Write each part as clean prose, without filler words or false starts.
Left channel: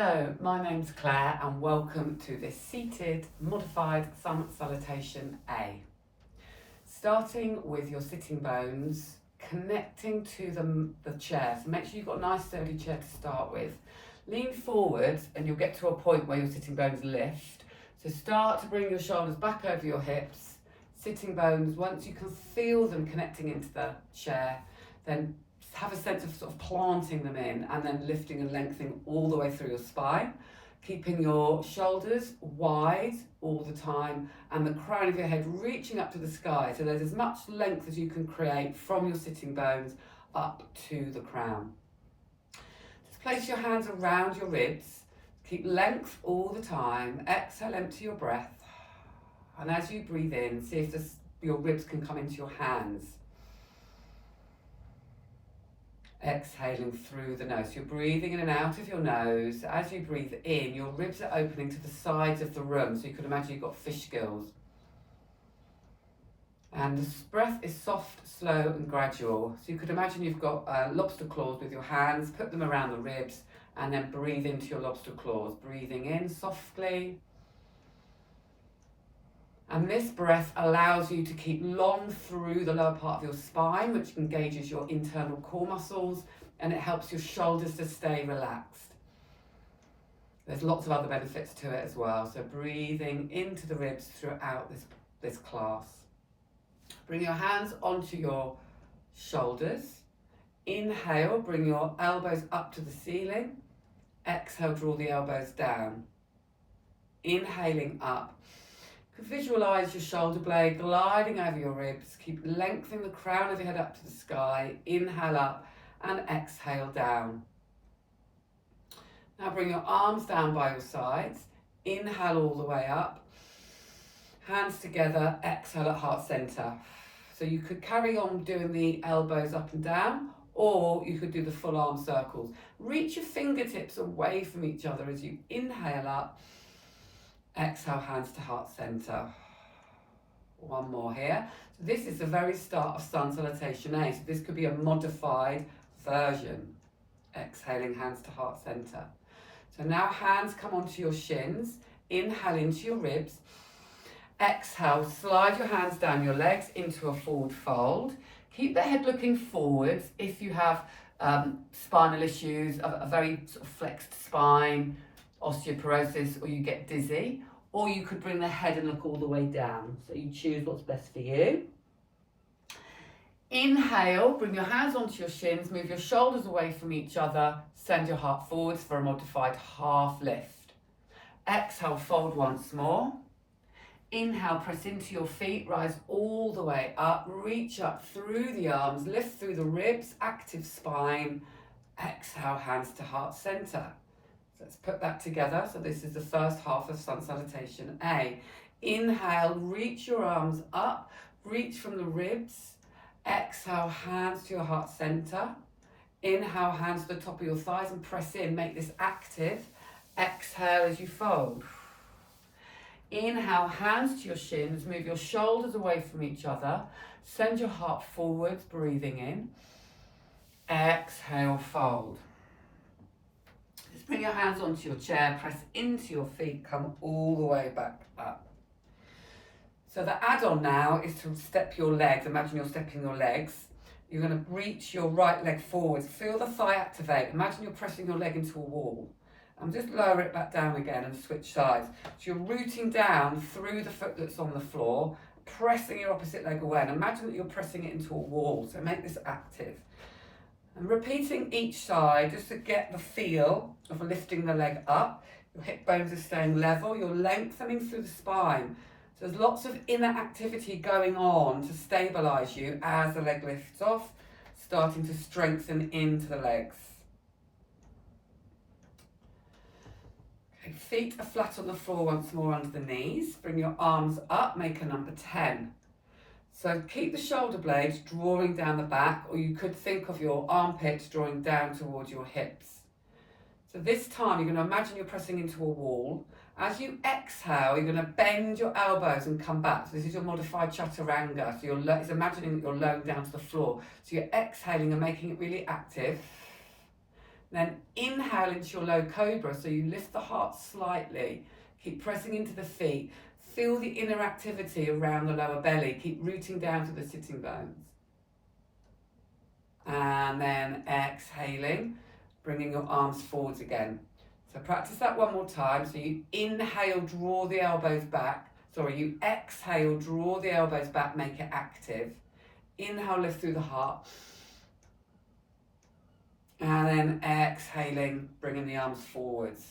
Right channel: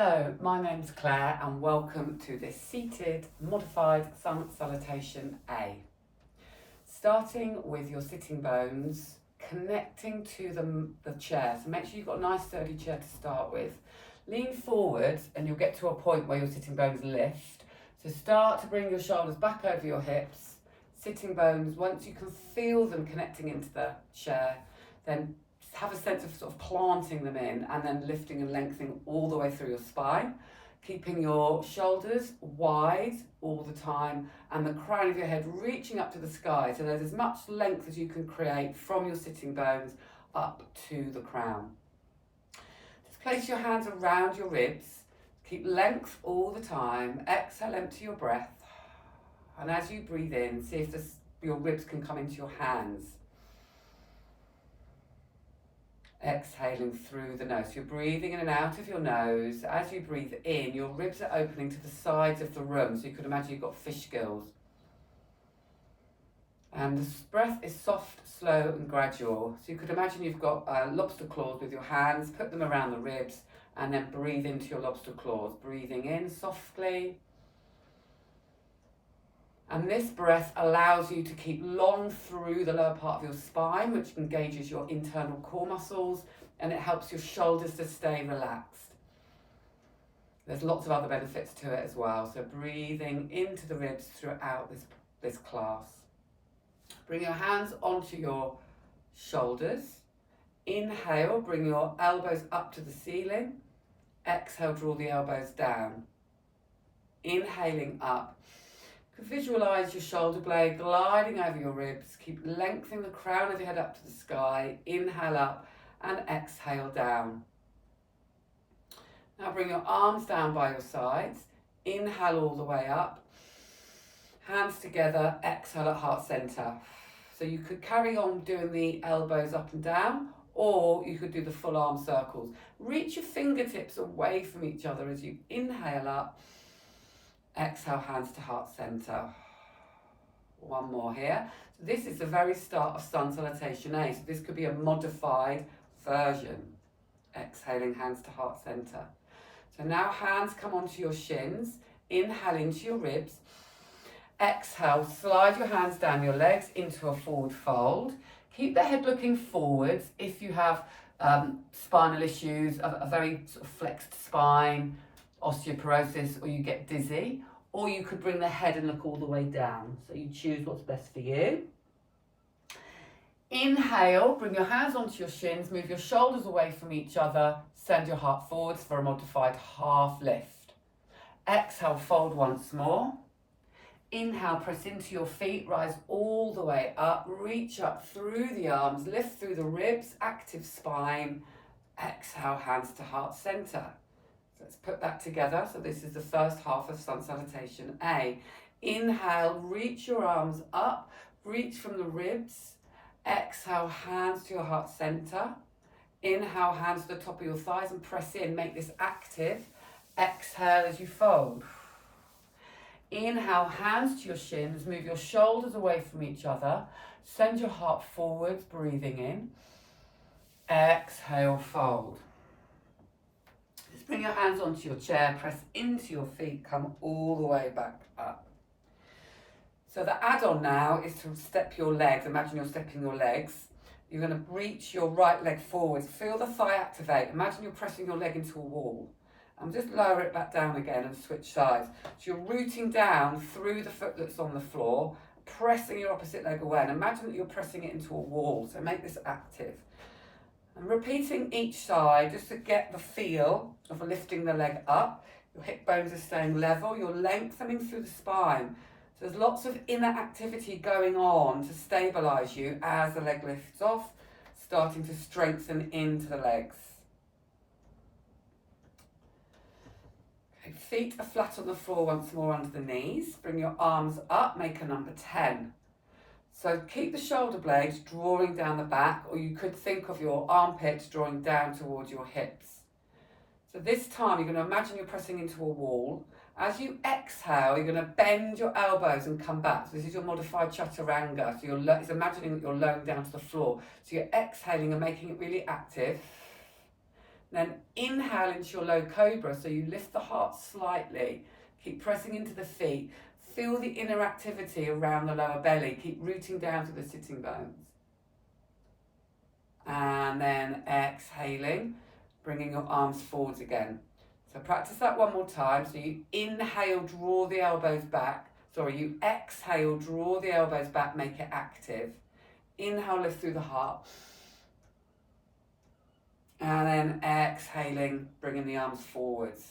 Hello, my name's Claire and welcome to this seated modified Sun Salutation A. Starting with your sitting bones, connecting to the chair. So make sure you've got a nice sturdy chair to start with. Lean forward and you'll get to a point where your sitting bones lift. So start to bring your shoulders back over your hips. Sitting bones, once you can feel them connecting into the chair, then have a sense of sort of planting them in and then lifting and lengthening all the way through your spine, keeping your shoulders wide all the time and the crown of your head reaching up to the sky, so there's as much length as you can create from your sitting bones up to the crown. Just place your hands around your ribs, keep length all the time. Exhale, empty your breath, and as you breathe in, see if your ribs can come into your hands. Exhaling through the nose. You're breathing in and out of your nose. As you breathe in, your ribs are opening to the sides of the room, so you could imagine you've got fish gills. And the breath is soft, slow and gradual. So you could imagine you've got lobster claws with your hands, put them around the ribs and then breathe into your lobster claws. Breathing in softly. And this breath allows you to keep long through the lower part of your spine, which engages your internal core muscles, and it helps your shoulders to stay relaxed. There's lots of other benefits to it as well. So breathing into the ribs throughout this class. Bring your hands onto your shoulders. Inhale, bring your elbows up to the ceiling. Exhale, draw the elbows down. Inhaling up. Visualize your shoulder blade gliding over your ribs. Keep lengthening the crown of your head up to the sky. Inhale up and exhale down. Now bring your arms down by your sides. Inhale all the way up. Hands together, exhale at heart center. So you could carry on doing the elbows up and down, or you could do the full arm circles. Reach your fingertips away from each other as you inhale up. Exhale, hands to heart center. One more here. So this is the very start of Sun Salutation A. So this could be a modified version. Exhaling, hands to heart center. So now hands come onto your shins. Inhale into your ribs. Exhale, slide your hands down your legs into a forward fold. Keep the head looking forwards if you have spinal issues, a very sort of flexed spine, osteoporosis, or you get dizzy, or you could bring the head and look all the way down. So you choose what's best for you. Inhale, bring your hands onto your shins, move your shoulders away from each other, send your heart forwards for a modified half lift. Exhale, fold once more. Inhale, press into your feet, rise all the way up, reach up through the arms, lift through the ribs, active spine. Exhale, hands to heart center. Let's put that together. So this is the first half of Sun Salutation A. Inhale, reach your arms up, reach from the ribs. Exhale, hands to your heart center. Inhale, hands to the top of your thighs and press in, make this active. Exhale as you fold. Inhale, hands to your shins, move your shoulders away from each other. Send your heart forwards, breathing in. Exhale, fold. Bring your hands onto your chair, press into your feet, come all the way back up. So the add-on now is to step your legs. Imagine you're stepping your legs. You're going to reach your right leg forwards. Feel the thigh activate. Imagine you're pressing your leg into a wall. And just lower it back down again and switch sides. So you're rooting down through the foot that's on the floor, pressing your opposite leg away. And imagine that you're pressing it into a wall. So make this active. And repeating each side just to get the feel of lifting the leg up. Your hip bones are staying level, you're lengthening through the spine. So there's lots of inner activity going on to stabilise you as the leg lifts off, starting to strengthen into the legs. Okay, feet are flat on the floor once more under the knees. Bring your arms up, make a number 10. So keep the shoulder blades drawing down the back, or you could think of your armpits drawing down towards your hips. So this time you're going to imagine you're pressing into a wall. As you exhale, you're going to bend your elbows and come back. So this is your modified chaturanga. So it's imagining that you're lowering down to the floor. So you're exhaling and making it really active. Then inhale into your low cobra, so you lift the heart slightly. Keep pressing into the feet. Feel the inner activity around the lower belly. Keep rooting down to the sitting bones. And then exhaling, bringing your arms forwards again. So practice that one more time. So you inhale, draw the elbows back. You exhale, draw the elbows back, make it active. Inhale, lift through the heart. And then exhaling, bringing the arms forwards.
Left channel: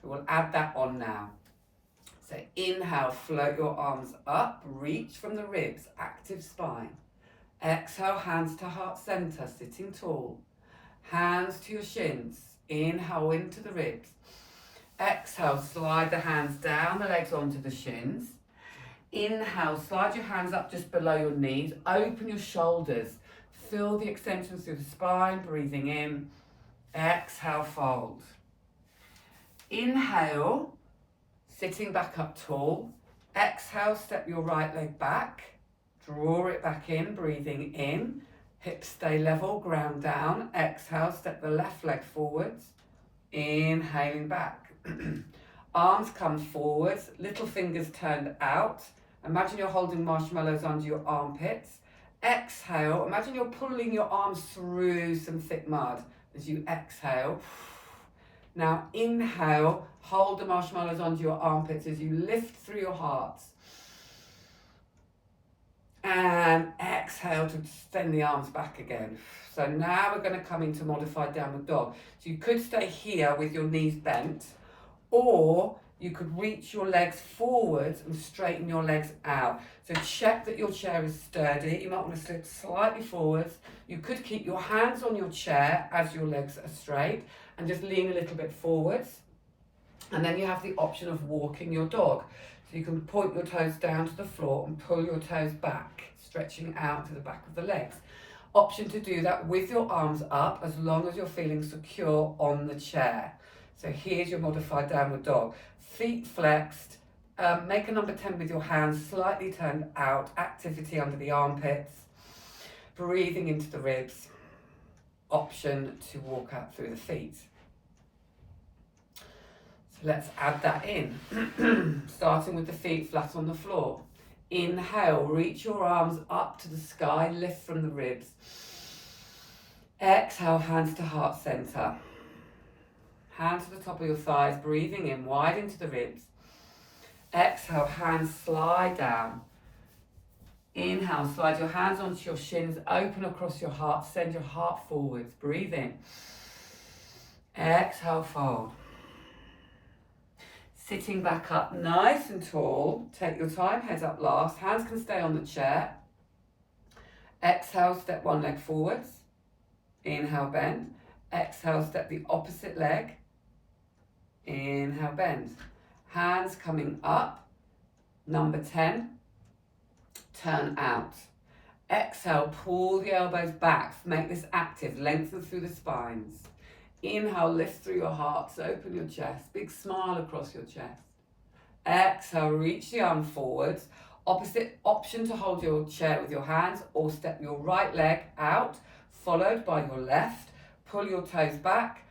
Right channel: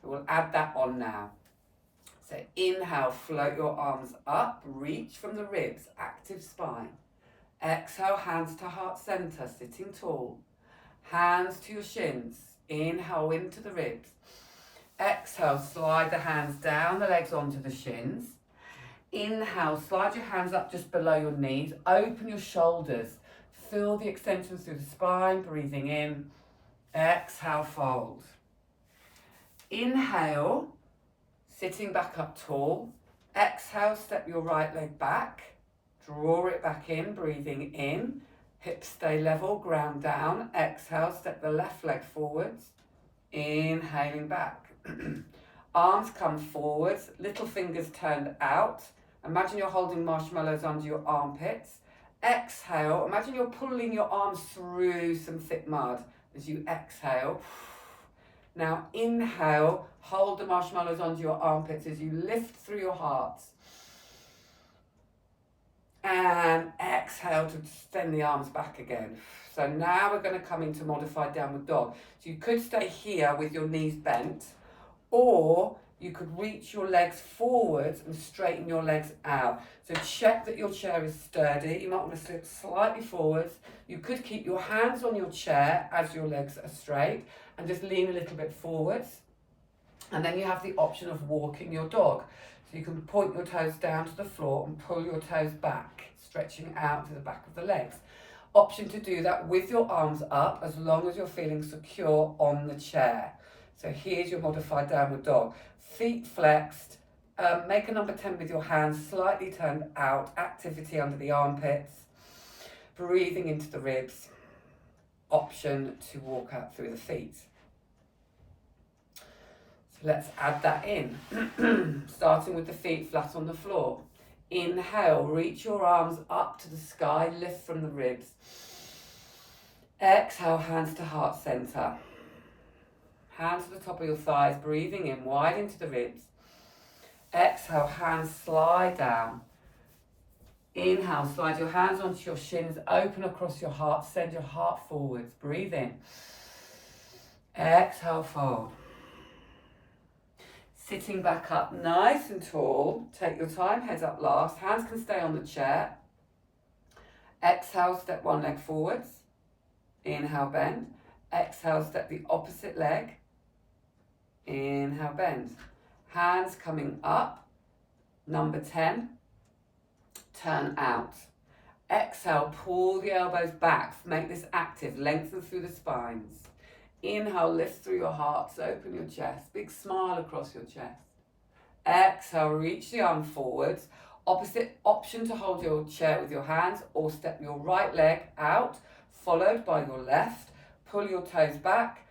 So we'll add that on now. So inhale, float your arms up, reach from the ribs, active spine. Exhale, hands to heart center, sitting tall. Hands to your shins. Inhale into the ribs. Exhale, slide the hands down the legs onto the shins. Inhale, slide your hands up just below your knees. Open your shoulders. Feel the extensions through the spine, breathing in. Exhale, fold. Inhale, sitting back up tall. Exhale, step your right leg back. Draw it back in, breathing in. Hips stay level, ground down. Exhale, step the left leg forwards. Inhaling back. Arms come forwards, little fingers turned out. Imagine you're holding marshmallows under your armpits. Exhale, imagine you're pulling your arms through some thick mud as you exhale. Now inhale, hold the marshmallows under your armpits as you lift through your hearts. And exhale to extend the arms back again. So now we're going to come into modified downward dog. So you could stay here with your knees bent, or you could reach your legs forwards and straighten your legs out. So check that your chair is sturdy. You might want to slip slightly forwards. You could keep your hands on your chair as your legs are straight and just lean a little bit forwards. And then you have the option of walking your dog. So you can point your toes down to the floor and pull your toes back, stretching out to the back of the legs. Option to do that with your arms up as long as you're feeling secure on the chair. So here's your modified downward dog. Feet flexed, make a number 10 with your hands slightly turned out, activity under the armpits, breathing into the ribs. Option to walk out through the feet. So let's add that in, starting with the feet flat on the floor. Inhale, reach your arms up to the sky, lift from the ribs. Exhale, hands to heart center. Hands to the top of your thighs, breathing in, wide into the ribs. Exhale, hands slide down. Inhale, slide your hands onto your shins, open across your heart, send your heart forwards, breathe in. Exhale, fold. Sitting back up nice and tall, take your time, head up last, hands can stay on the chair. Exhale, step one leg forwards. Inhale, bend. Exhale, step the opposite leg. Inhale, bend. Hands coming up. Number 10. Turn out. Exhale, pull the elbows back. Make this active. Lengthen through the spines. Inhale, lift through your hearts. Open your chest. Big smile across your chest. Exhale, reach the arm forwards. Opposite option to hold your chair with your hands or step your right leg out, followed by your left. Pull your toes back.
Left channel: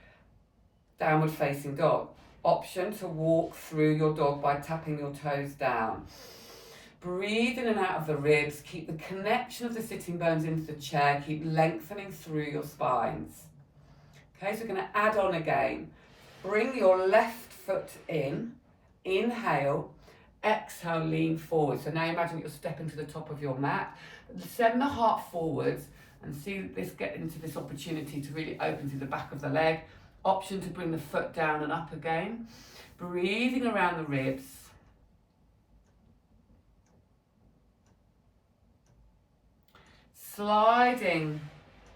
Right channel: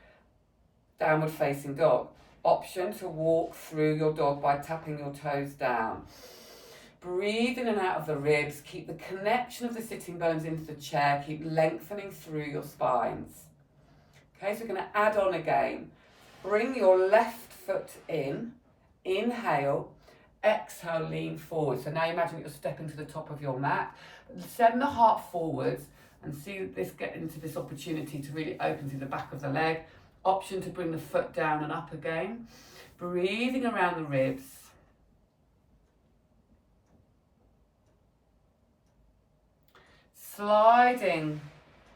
Downward facing dog. Option to walk through your dog by tapping your toes down. Breathe in and out of the ribs. Keep the connection of the sitting bones into the chair. Keep lengthening through your spines. Okay, so we're going to add on again. Bring your left foot in. Inhale. Exhale, lean forward. So now imagine that you're stepping to the top of your mat. Send the heart forwards and see this get into this opportunity to really open through the back of the leg. Option to bring the foot down and up again. Breathing around the ribs. Sliding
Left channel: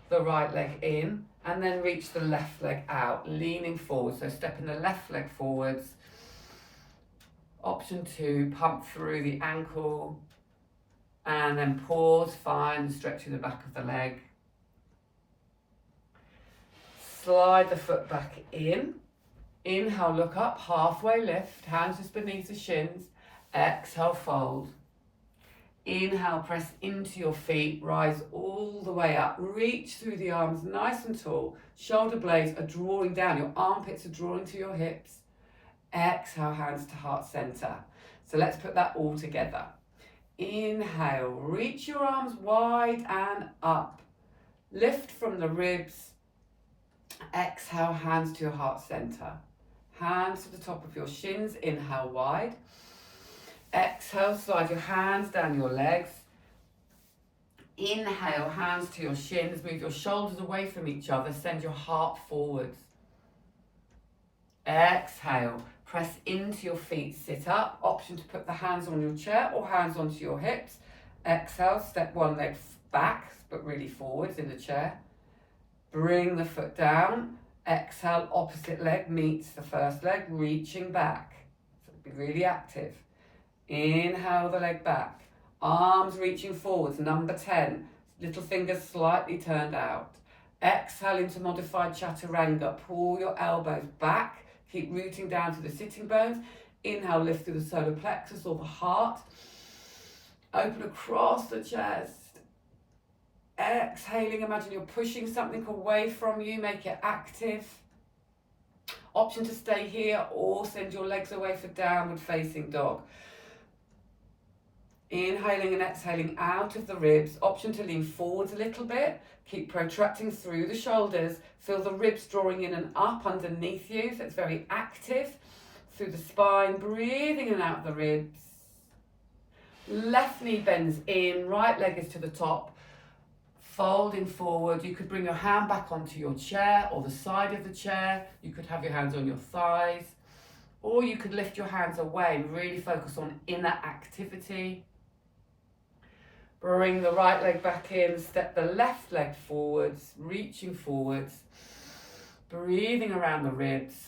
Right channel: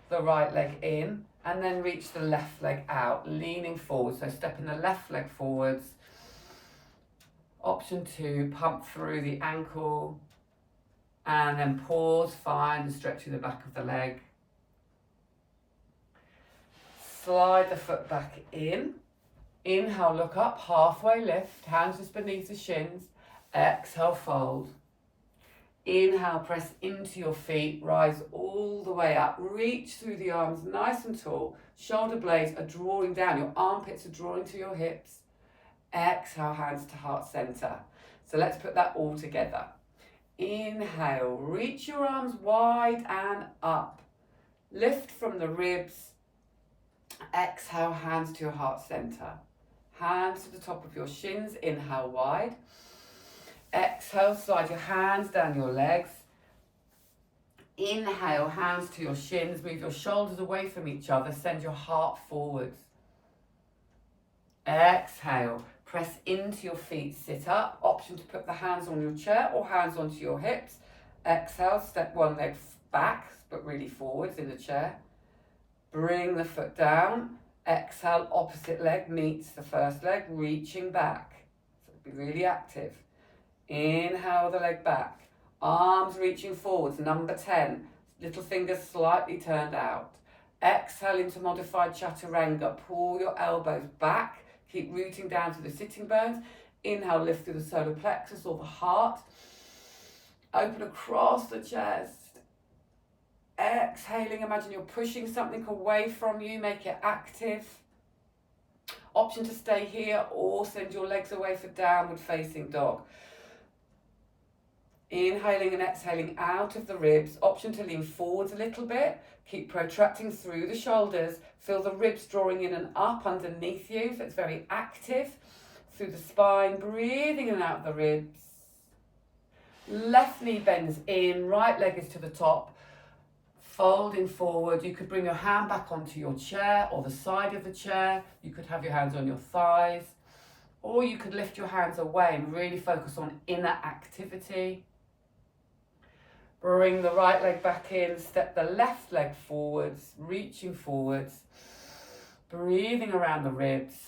the right leg in and then reach the left leg out, leaning forward. So stepping the left leg forwards. Option 2, pump through the ankle and then pause, fine, stretch through the back of the leg. Slide the foot back in. Inhale, look up, halfway lift, hands just beneath the shins. Exhale, fold. Inhale, press into your feet, rise all the way up. Reach through the arms nice and tall. Shoulder blades are drawing down. Your armpits are drawing to your hips. Exhale, hands to heart center. So let's put that all together. Inhale, reach your arms wide and up. Lift from the ribs. Exhale, hands to your heart center. Hands to the top of your shins. Inhale, wide. Exhale, slide your hands down your legs. Inhale, hands to your shins. Move your shoulders away from each other. Send your heart forwards. Exhale, press into your feet. Sit up. Option to put the hands on your chair or hands onto your hips. Exhale, step one leg back, but really forwards in the chair. Bring the foot down. Exhale, opposite leg meets the first leg, reaching back. So be really active. Inhale the leg back. Arms reaching forwards, number 10. Little fingers slightly turned out. Exhale into modified chaturanga. Pull your elbows back. Keep rooting down to the sitting bones. Inhale, lift through the solar plexus or the heart. Open across the chest. Exhaling, imagine you're pushing something away from you. Make it active. Option to stay here or send your legs away for downward facing dog. Inhaling and exhaling out of the ribs. Option to lean forwards a little bit. Keep protracting through the shoulders. Feel the ribs drawing in and up underneath you. So it's very active. Through the spine, breathing in and out of the ribs. Left knee bends in, right leg is to the top. Folding forward. You could bring your hand back onto your chair or the side of the chair. You could have your hands on your thighs. Or you could lift your hands away and really focus on inner activity. Bring the right leg back in, step the left leg forwards, reaching forwards, breathing around the ribs.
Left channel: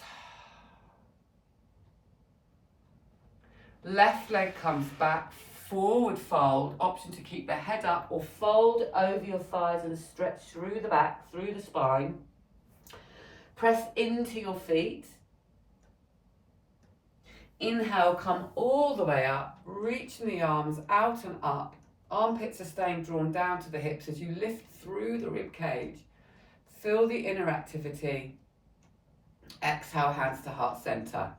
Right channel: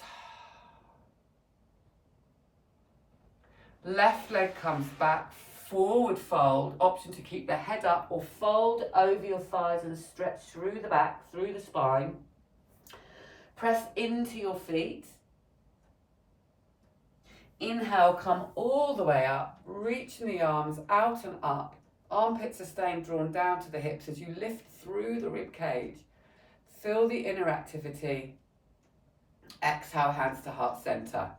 Left leg comes back, forward fold, option to keep the head up or fold over your thighs and stretch through the back, through the spine. Press into your feet. Inhale, come all the way up, reaching the arms out and up. Armpits are staying drawn down to the hips as you lift through the rib cage. Feel the inner activity. Exhale, hands to heart center.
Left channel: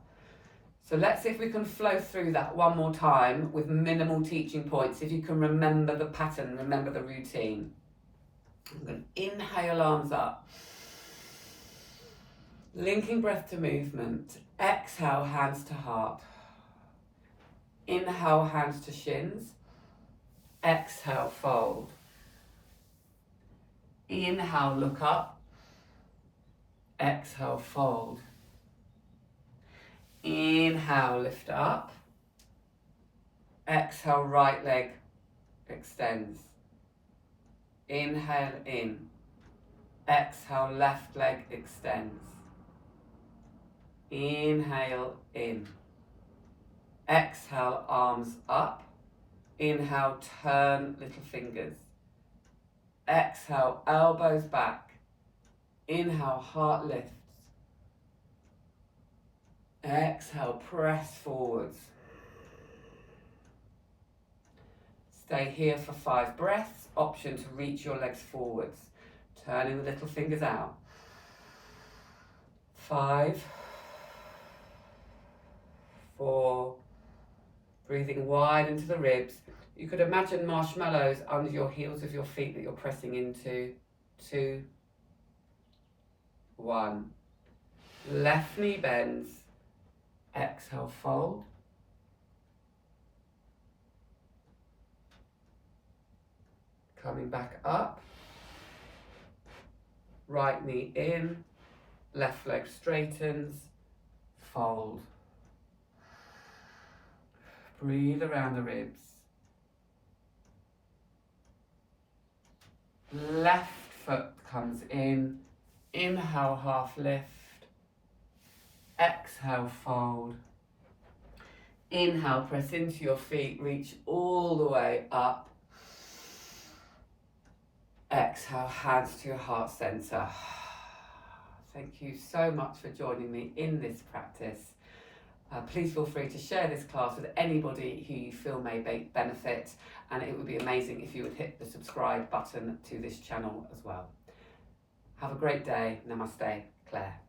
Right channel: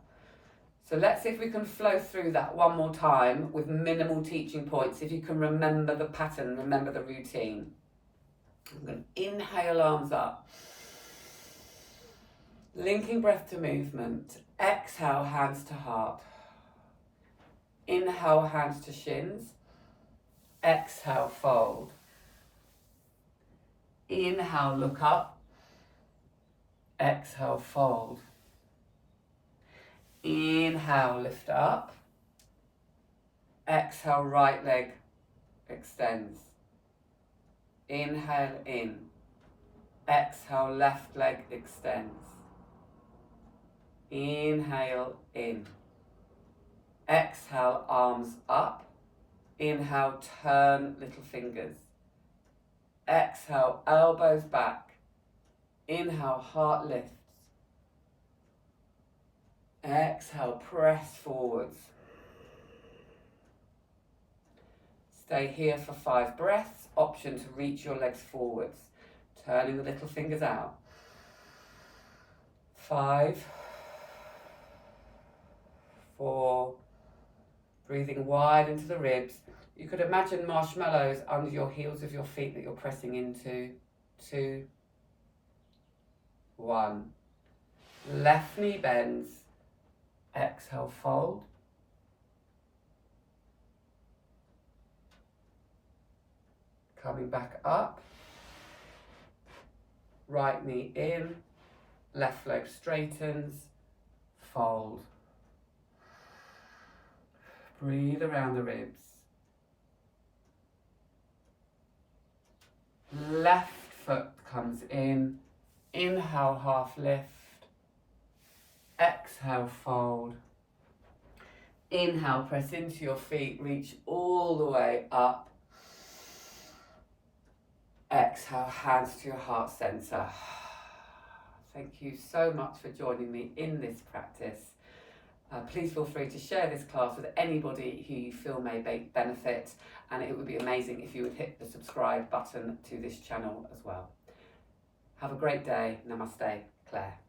So let's see if we can flow through that one more time with minimal teaching points. If you can remember the pattern, remember the routine. I'm going to inhale, arms up. Linking breath to movement. Exhale, hands to heart. Inhale, hands to shins. Exhale, fold. Inhale, look up. Exhale, fold. Inhale, lift up. Exhale, right leg extends. Inhale in. Exhale, left leg extends. Inhale in. Exhale, arms up. Inhale, turn little fingers. Exhale, elbows back. Inhale, heart lifts. Exhale, press forwards. Stay here for 5 breaths. Option to reach your legs forwards. Turning the little fingers out. 5, 4, breathing wide into the ribs. You could imagine marshmallows under your heels of your feet that you're pressing into. 2, 1. Left knee bends. Exhale, fold. Coming back up. Right knee in. Left leg straightens. Fold. Breathe around the ribs. Left foot comes in. Inhale, half lift. Exhale, fold. Inhale, press into your feet. Reach all the way up. Exhale, hands to your heart center. Thank you so much for joining me in this practice. Please feel free to share this class with anybody who you feel may benefit, and it would be amazing if you would hit the subscribe button to this channel as well. Have a great day. Namaste, Claire.